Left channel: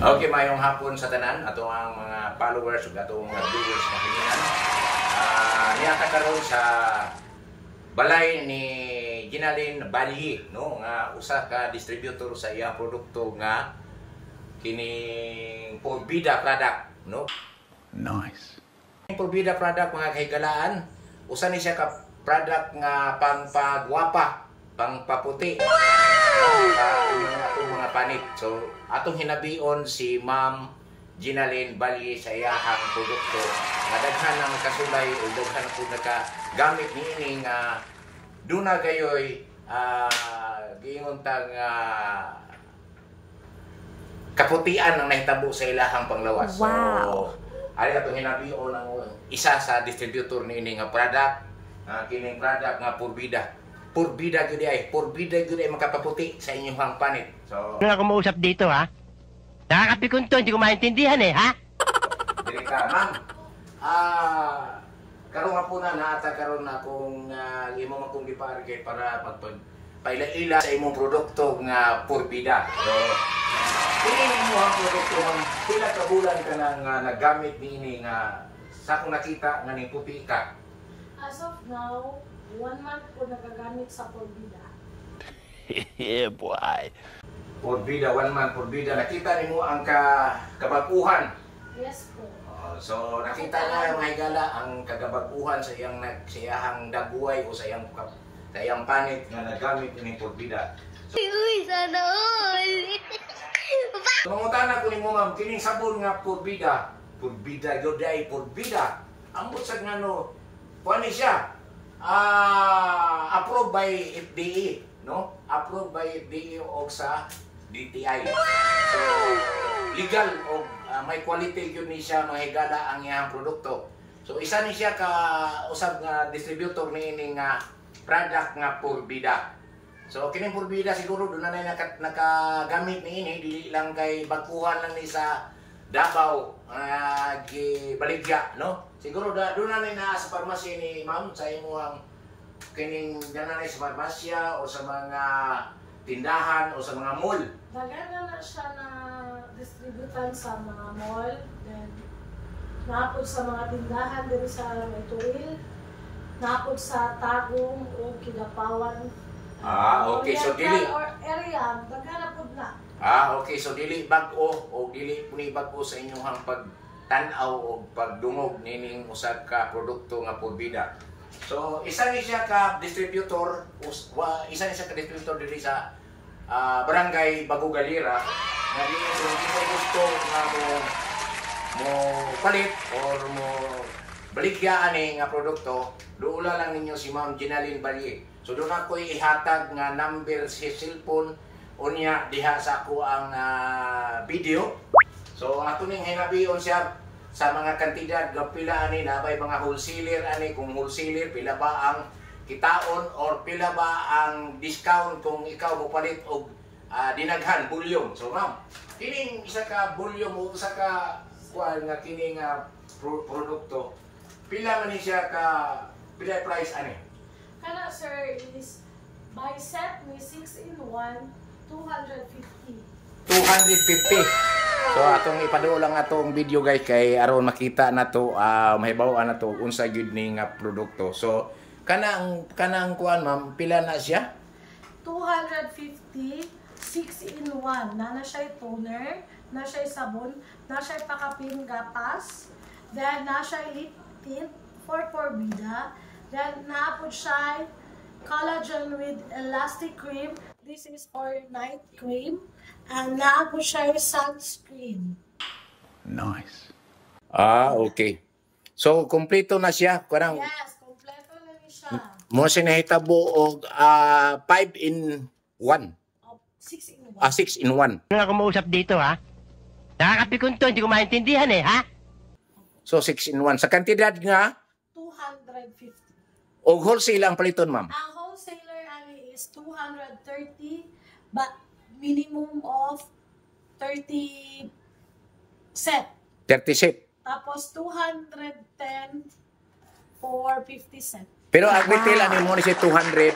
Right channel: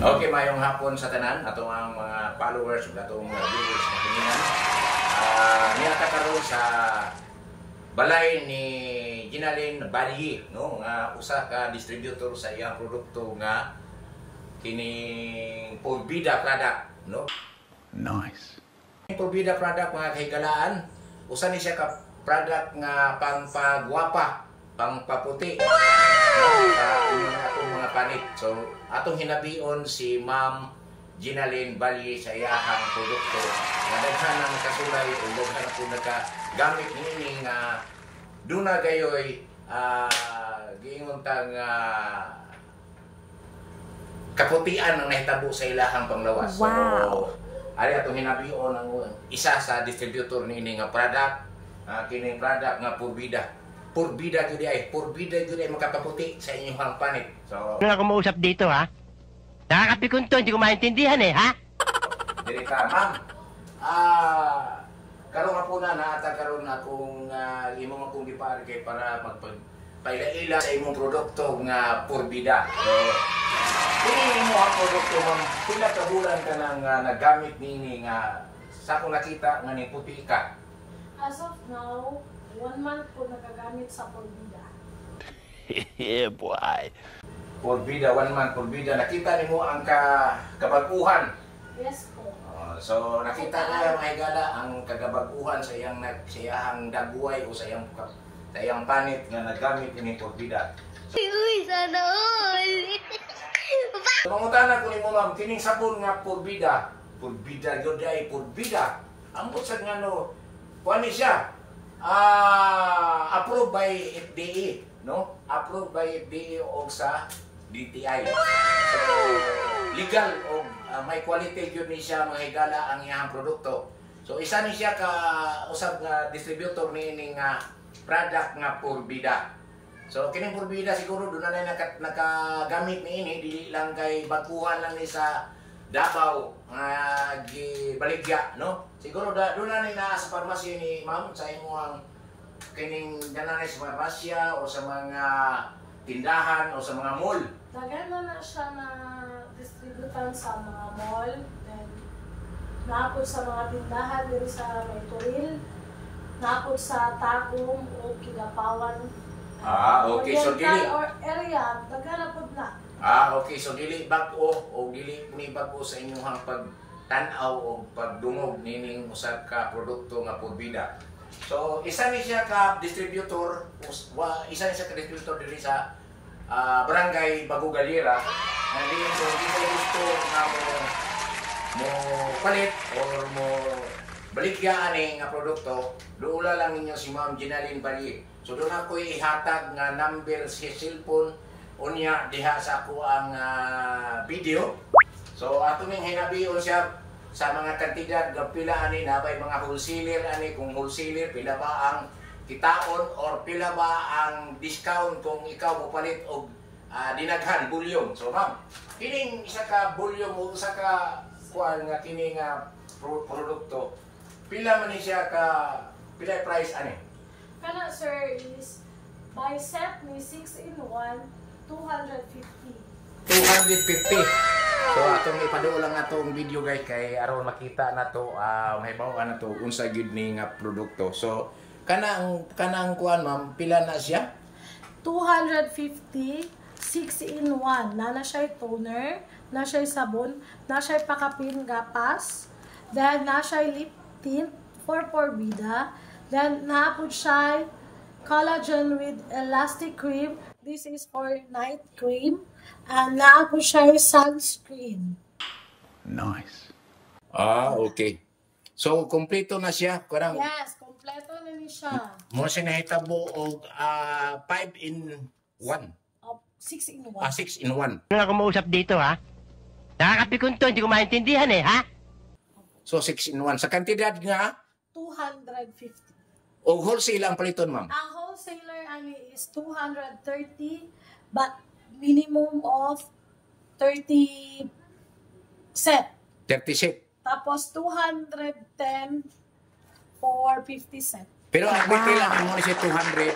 Okay, mayong hapon sa tanan ato ang mga followers ug atong mga viewers na hiningan. Niyata karon sa balay ni Ginalyn Balyi, no, nga usa ka distributor sa iyang produkto nga kining Porbida product, no. Nice. Porbida product mga kahigalaan, usa ni siya ka product nga pangpagwapa, pangpaputi. Atong mga panit. So, atong hinabion si Ma'am Ginalyn Balyi sa iyahang produkto. Nadaghan ang kasulay o daghan na po nagagamit nining duna gayoy giingon tang kaputian ang nahitabo sa ilahang panglawas. Wow. So, ari atong hinabion ang isa sa distributor niini nga product, kining product nga Porbida. Porbida gyud ay makapaputi sa inyong panit. So, Ano ako mausap dito, ha? Nakakapikon to, hindi ko maintindihan eh, ha? dili ka, ma'am. Karon nga po na naata karon akong imong akong gipaari kay para magpaila-ila sa imong produkto nga Porbida. So, kung imo ang produkto ng pila ka bulan ka nang nagamit niini nga sa akong nakita nga ning puti ka. As of now, 1 month ko nagagamit sa Porbida. Yeah, boy. Porbida, 1 month Porbida. Nakita nimo ang kabaguhan. Yes po. So nakita na mga higala ang kagabaguhan sa iyang dagway o sa iyang panit nga nagamit ini Porbida. Uy, sana all! Mangutana ko nimo ma'am, kining sabon nga Porbida gyud ay Porbida. Ambot sa ngano, kuan ni siya. Approved by FDA, no? Approved by FDA o sa DTI. So, legal o may quality yun ni siya mga higala ang iyang produkto. So, isa ni siya ka usag nga distributor ni ining product nga Porbida. So, kining Porbida siguro doon na nakagamit ni ini, dili lang kay baguhan lang ni sa Davao gibaligya, no? Siguro doon na sa pharmacy ni ma'am sa imong kining nanay sa farmasya o sa mga tindahan o sa mga mall. Daghan na siya na distributan sa mga mall, then naapod sa mga tindahan diri sa Moitoril, naapod sa Tagum o Kidapawan. Okay, so dili or area, daghan na pud na. okay, so dili bag-o o dili puni bag-o sa inyong pagtan-aw o pagdungog nining usab ka produkto nga Porbida. So isa ni siya ka distributor, diri sa Barangay Bagugalira. Naging kung gusto nga mo palit or mo baligya ani nga produkto, duula lang ninyo si Ma'am Ginalyn Balyi. So doon ako ihatag nga number si cellphone unya diha sa ako ang video. So ato ning hinabion siya sa mga kantidad nga pila ani nabay mga wholesaler ani, kung wholesaler pila ba ang kitaon or pila ba ang discount kung ikaw mo palit og dinaghan volume. So ma'am, kining isa ka volume o isa ka kuan nga kini nga produkto, pila man ni siya ka pila price ani? Kana sir is by set ni 6-in-1 250. 250. So atong ipaduo lang atong video guys kay aron makita na to mahibaw-an na to unsa gyud ni nga produkto. So kanang kuan ma'am, pila na siya? 250, 6-in-1. Na siya toner, na siya sabon, na siya pakapin gapas, then na siya lip tint for Porbida, then naapod siya collagen with elastic cream. This is for night cream. And naapod siya sunscreen. Nice. Okay. So kompleto na siya, parang Yes, kompleto na ni siya. mo siya nahitabo og 5-in-1. 6-in-1. 6-in-1. Ano ako mausap dito, ha? Nakakapikon to, hindi ko maintindihan eh, ha? So 6-in-1 sa kantidad nga 250. og wholesale ang paliton ma'am. Ang wholesaler ani is 230 but minimum of 30 set. 30 set. Tapos 210 for 50 set. Pero ang retail ang mo ni 200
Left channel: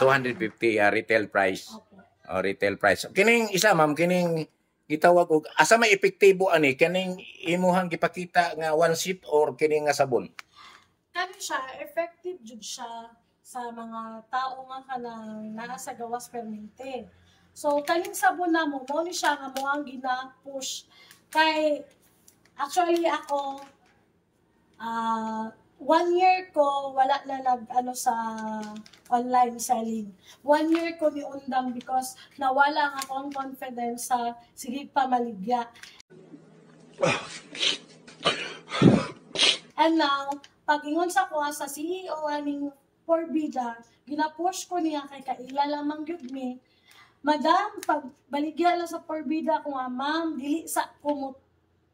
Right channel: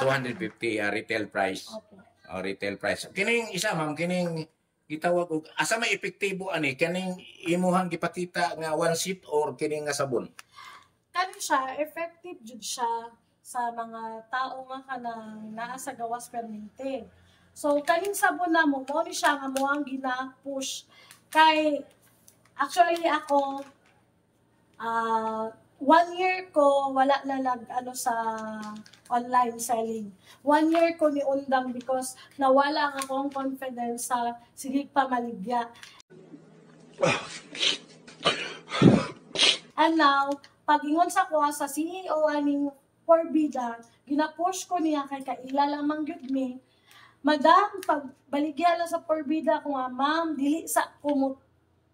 250 retail price. Opo. Retail price. Kining isa ma'am, kining gitawag og asa may epektibo ani kaning imuhang gipakita nga one sheet or kini nga sabon? Kani siya, effective jud siya sa mga tao nga kanang naa sa gawas permente. So kaning sabon na mo ni siya nga mo ang gina-push kay actually ako 1 year ko wala na nag ano sa online selling. 1 year ko ni undang because nawala ang akong confidence sa sigig pamaligya. And now, pag-ingon sa kuha sa CEO aning Porbida, gina-push ko niya kay kaila lamang gyud mi. Madam, pag baligya lang sa Porbida ko nga, ma'am, dili sa ko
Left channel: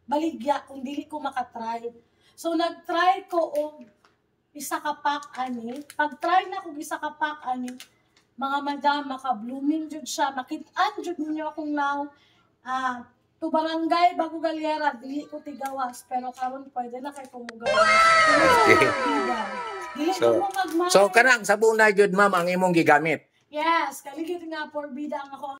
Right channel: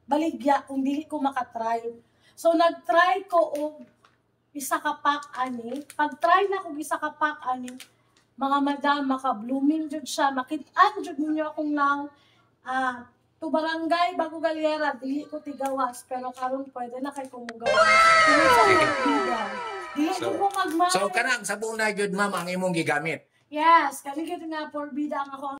baligya kung dili ko makatry. So nag-try ko og isa ka pack ani. Pag-try na ko isa ka pack ani, mga madam, maka-blooming jud siya, makit-an jud ninyo akong now. To barangay bago galyera, dili ko tigawas, pero karon pwede na kay kumugawas. So kanang sabon na gyud ma'am ang imong gigamit. Yes, kani gyud nga Porbida ang ako.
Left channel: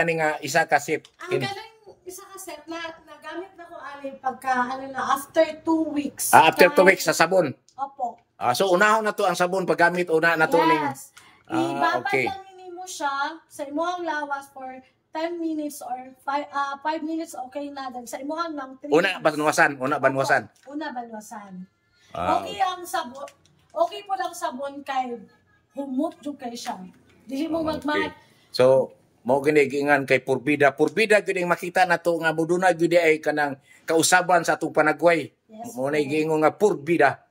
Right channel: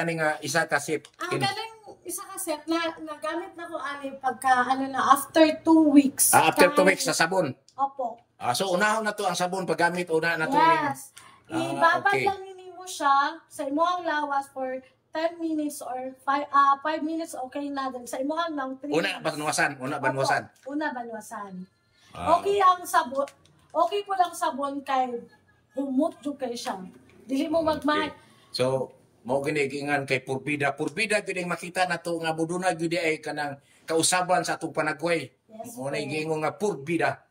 Ani nga isa ka sip. Ang galing isa ka set na nagamit na ko ani pagka ano na after 2 weeks. After 2 weeks sa sabon. Opo. So unahon na to ang sabon paggamit una na to Yes. Ibabad okay. lang nimo siya sa imong lawas for 10 minutes or 5 minutes okay na din sa imong lang 3 Una banwasan, una banwasan. Opo, una banwasan. Ah. Okay ang sabon. Okay po lang sabon kay humot jud kay siya. Dili mo magmahal. So mo ginigingan kay Porbida. Porbida gyud ang makita nato nga buduna gyud ay kanang kausaban sa atong panagway. Yes, Mo na giingon nga Porbida.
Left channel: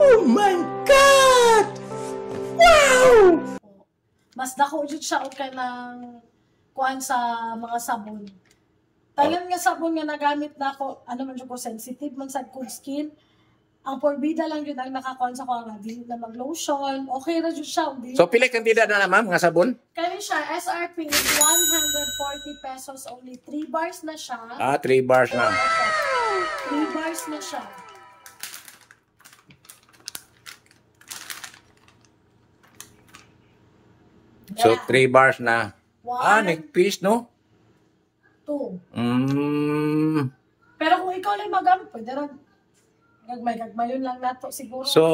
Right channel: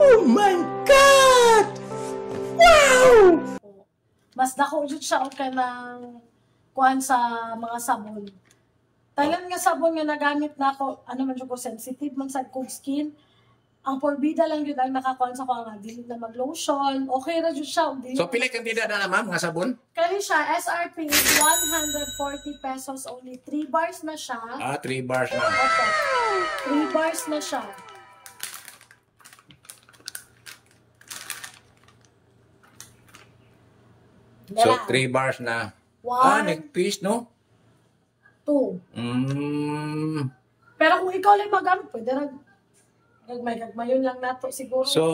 Oh my God! Wow! Mas dako jud siya og kanang kuan sa mga sabon. Talan nga sabon nga nagamit na ako, ano man jud ko sensitive man sa kong skin. Ang Porbida lang yun ang nakakuan sa ko nga dili na mag-lotion. Okay ra jud siya. So pila kantidad na ma'am nga sabon? Kani siya SRP is 140 pesos only. 3 bars na siya. 3 bars na. 3 bars na siya. So 3 bars na. 1, nagpiece no? 2. Pero kung ikaw lang magamit, pwede rin. Gagmay-gagmayon lang nato siguro. So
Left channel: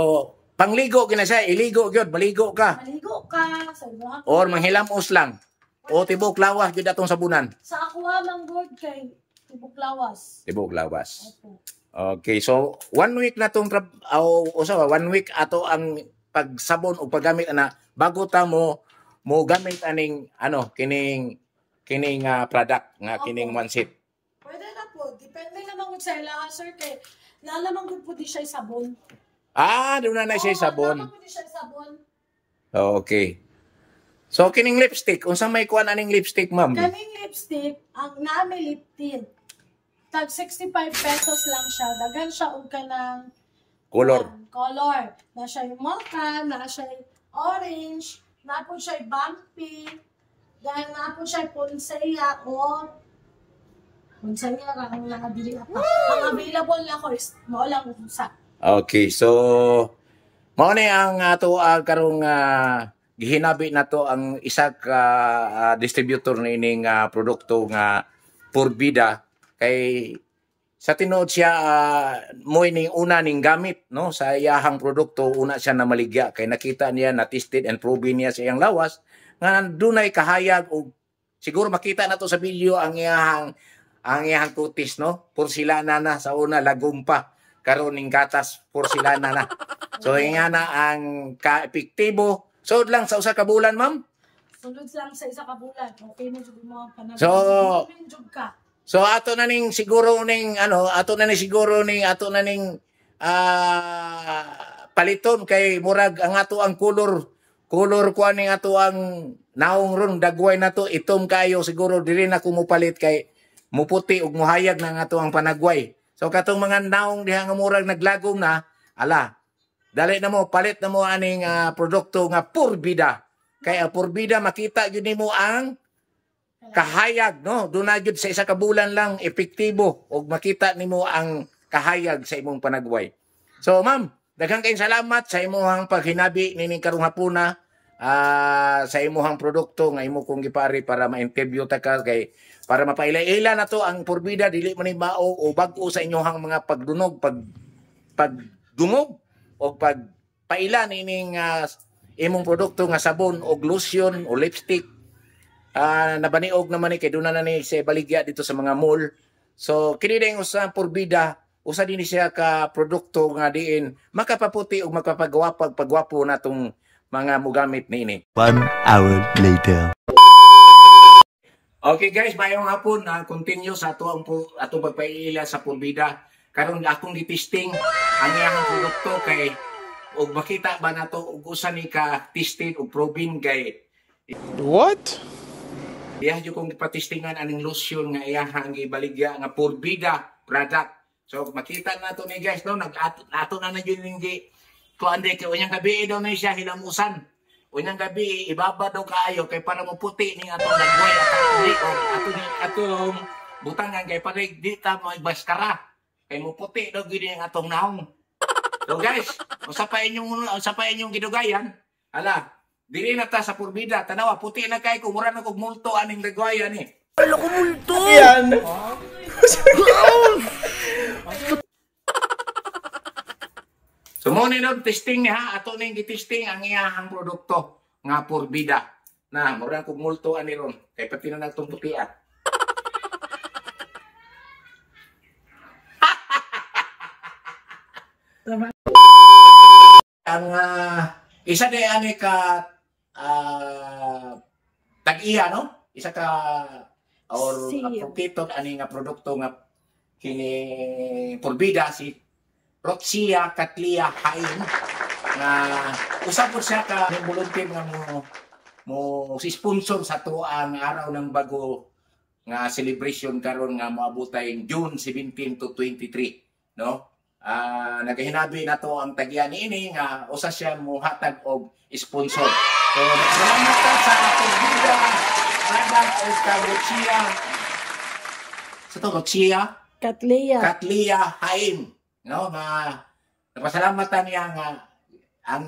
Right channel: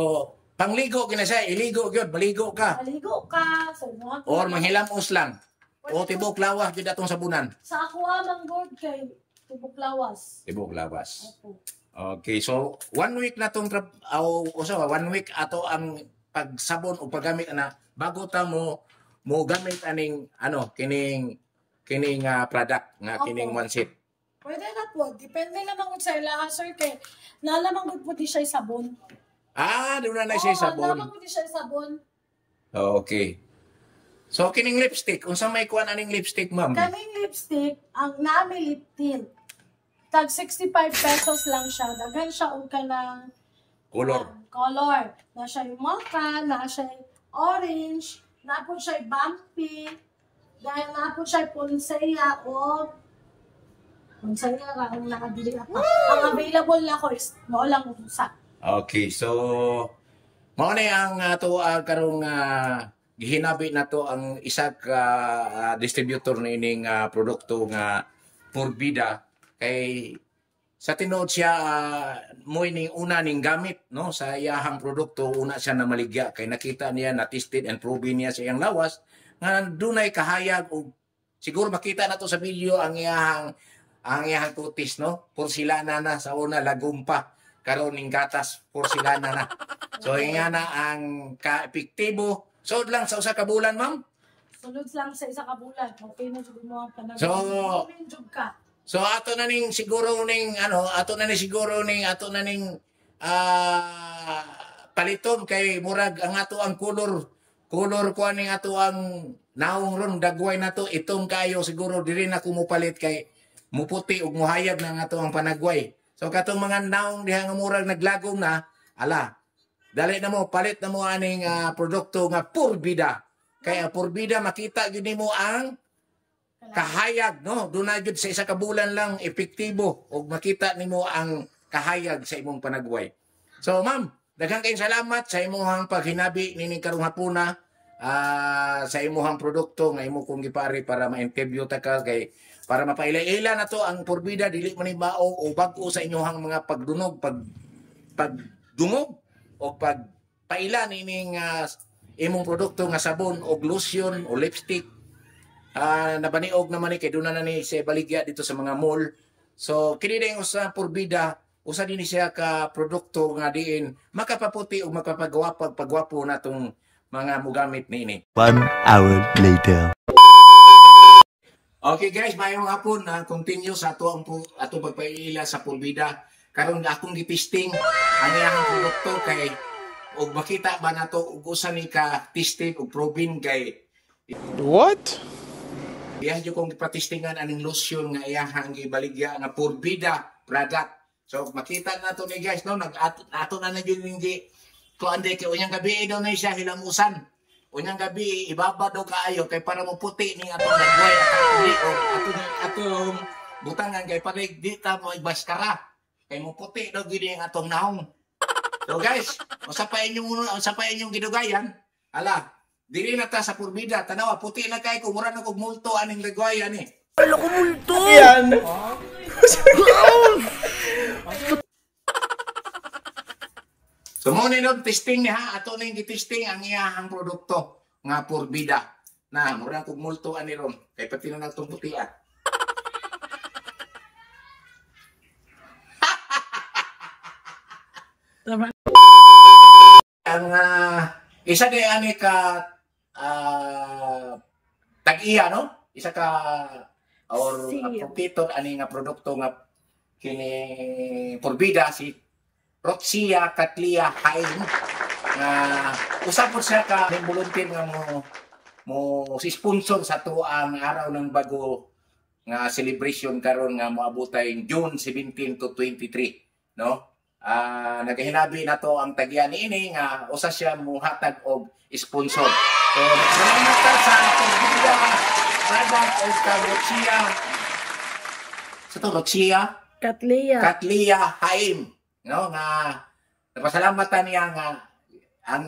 pangligo gina siya, iligo gyud, maligo ka. Maligo ka. So, Or manghilamos lang. O tibok lawas gyud atong sabunan. sa ako lang good kay tibok lawas. Tibok lawas. Opo. Okay, so 1 week na tong 1 week ato ang pagsabon o paggamit ana bago ta mo gamit aning kining product nga kining one sheet. Pwede na po. Depende naman kung sa ilaha, sir. Kay nalamang po di siya sabon. Doon na siya sabon. Nalamang po di siya sabon. Okay. So kining lipstick, unsa may kuan aning lipstick, ma'am? Kaming lipstick, ang naami lip tint. Tag 65 pesos lang siya. Daghan siya og kanang Color. color. Na siya yung mocha, na siya yung orange, na po siya yung bumpy, dahil na po siya yung punseya o punseya lang ang nakabili ako. Ang available na ko is mo lang sa. Okay, so mao ni ang ato karong gihinabi nato ang isa ka distributor ni ining produkto nga Porbida kay sa tinuod siya mo ning una ning gamit no sa iyahang produkto una siya na maligya kay nakita niya na tested and proven niya sa iyang lawas nga dunay kahayag og siguro makita na to sa video ang iyahang kutis no porselana na sa una lagumpa karon ning gatas porselana na so nga na ang ka-epektibo so lang sa usa ka bulan ma'am Sulod lang sa isa ka bulan. Okay na jud mo ang panahon. So, ka. So ato na ning siguro ning paliton kay murag ang ato ang color ko ning ato ang naong ron dagway na to itom kayo siguro dili na ko mopalit kay muputi ug muhayag na nga ato ang panagway. So katong mga naong diha nga murag naglagom na dali na mo palit na mo aning produkto nga Porbida. Kay Porbida makita gyud nimo ang kahayag no dunay gyud sa isa ka bulan lang epektibo ug makita nimo ang kahayag sa imong panagway. So ma'am, daghang kayong salamat sa imong paghinabi nining karong hapuna sa imuhang produkto nga imo kong gipari para ma-interview ta ka kay para mapaila-ila na to ang porbida dili man ni mao o bag-o sa inyong mga pagdunog, pagdungog o pagpaila nining imong produkto nga sabon o lotion o lipstick. Nabaniog naman ni kay doon na ni sa baligya dito sa mga mall. So kini ding usa porbida, usa din siya ka produkto nga diin makapaputi ug magpapagwapo natong mga mugamit niini. 1 hour later. Okay guys, mayong hapon na continue sa atong pagpaila sa porbida. Karon akong gitisting ang iyang produkto kay ug makita ba nato ug usa ni ka tested ug proven kay What? iya jud kong gipatistingan aning lotion nga iyahang gibaligya nga porbida product. So makita nato ni guys no ato na jud ning kuande kay unyang gabi daw na siya hilamusan. Unyang gabi ibaba daw kaayo kay para mo puti ning atong dagway atong butangan kay para di ta mo ibaskara. Kay mo puti daw gid ang atong nahong. So guys, usa pa inyong gidugayan, ala, dili na ta sa porbida, tanawa puti na kay kumura na kog multo aning dagwayan ni. Wala ko multo! Yan! So mo ni no testing niya, ato ning gitesting ang iyang produkto nga porbida. Na mura kog multo ani ron, kay pati na nagtong puti ah. Ang isa de ani ka tag-iya no? Isa ka or appropriate ani nga produkto nga kini porbida si Roxia Catlia Haim na usa po siya ka volunteer nga mo si sponsor sa tuang araw ng bago nga celebration karon nga moabotay June 17 to 23 no. Nagahinabi na to ang tagyan niini nga usa siya mohatag og sponsor. So salamat ta sa porbida product o Roxia. Sa to Roxia Catlia Haim no nga napasalamatan niya nga ang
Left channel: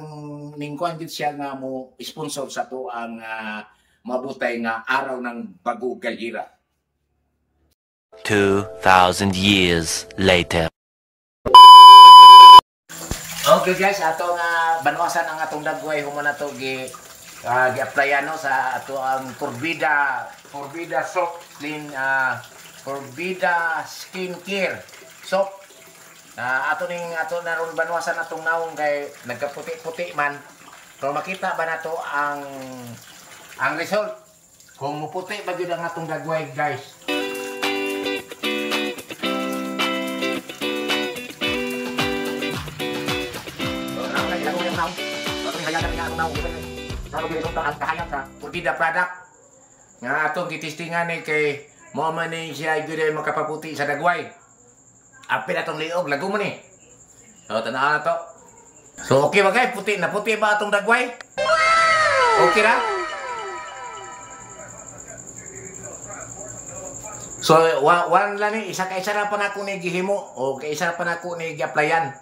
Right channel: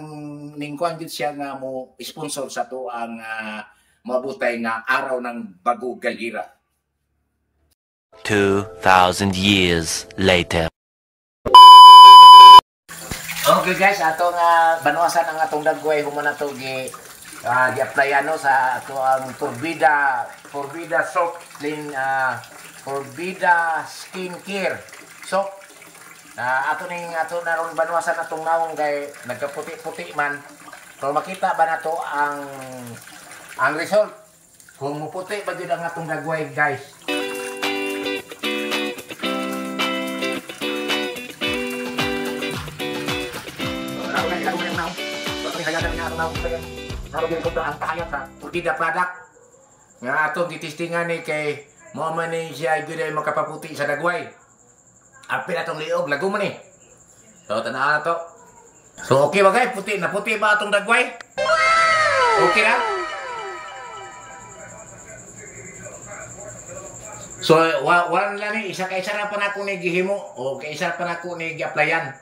ningkuan gid siya nga mo sponsor sa to ang mabutay nga araw ng bago galira. 2,000 years later. Okay guys, ato nga banuasan ang atong dagway human nato gi-applyan no sa ato ang porbida soap clean porbida skincare soap. Ato na ron banuasan atong nawong kay nagkaputi-puti man. So makita ba nato ang result? Kung muputi ba gyud ang atong dagway guys. Ang kahayang na porbida product nga atong gitistingan ni kay mo man ni siya gyud ay makapaputi sa dagway. Apil atong liog, lago mo ni. So, tanaw na to. So, okay ba guys? Puti ba atong dagway? Okay na? So, one lang ni, isa na pa na ako ni gihimo o isa pa na ako ni gi-applyan.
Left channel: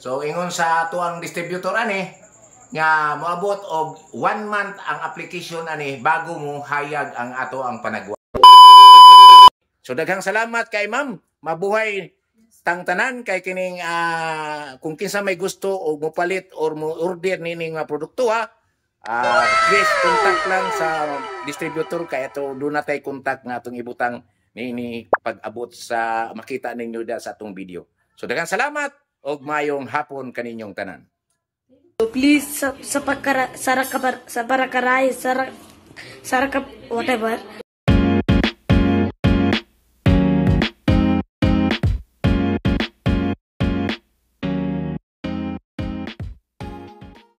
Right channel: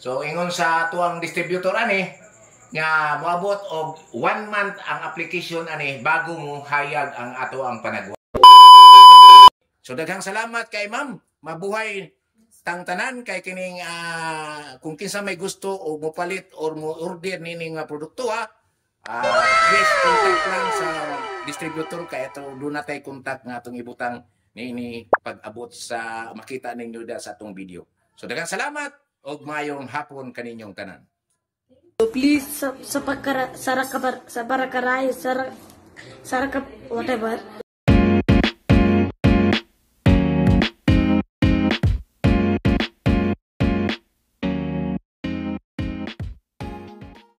So, ingon sa tuang distributor ani, nga moabot og 1 month ang application ani bago mo hayag ang ato ang panagwa. So, daghang salamat kay ma'am. Mabuhay tanan kay kining kung kinsa may gusto o mopalit or mo order nining mga produkto please contact lang sa distributor kay ato do na tay contact nga atong ibutang nini pag-abot sa makita ninyo da sa atong video. So daghang salamat og mayong hapon kaninyong tanan. Please sa whatever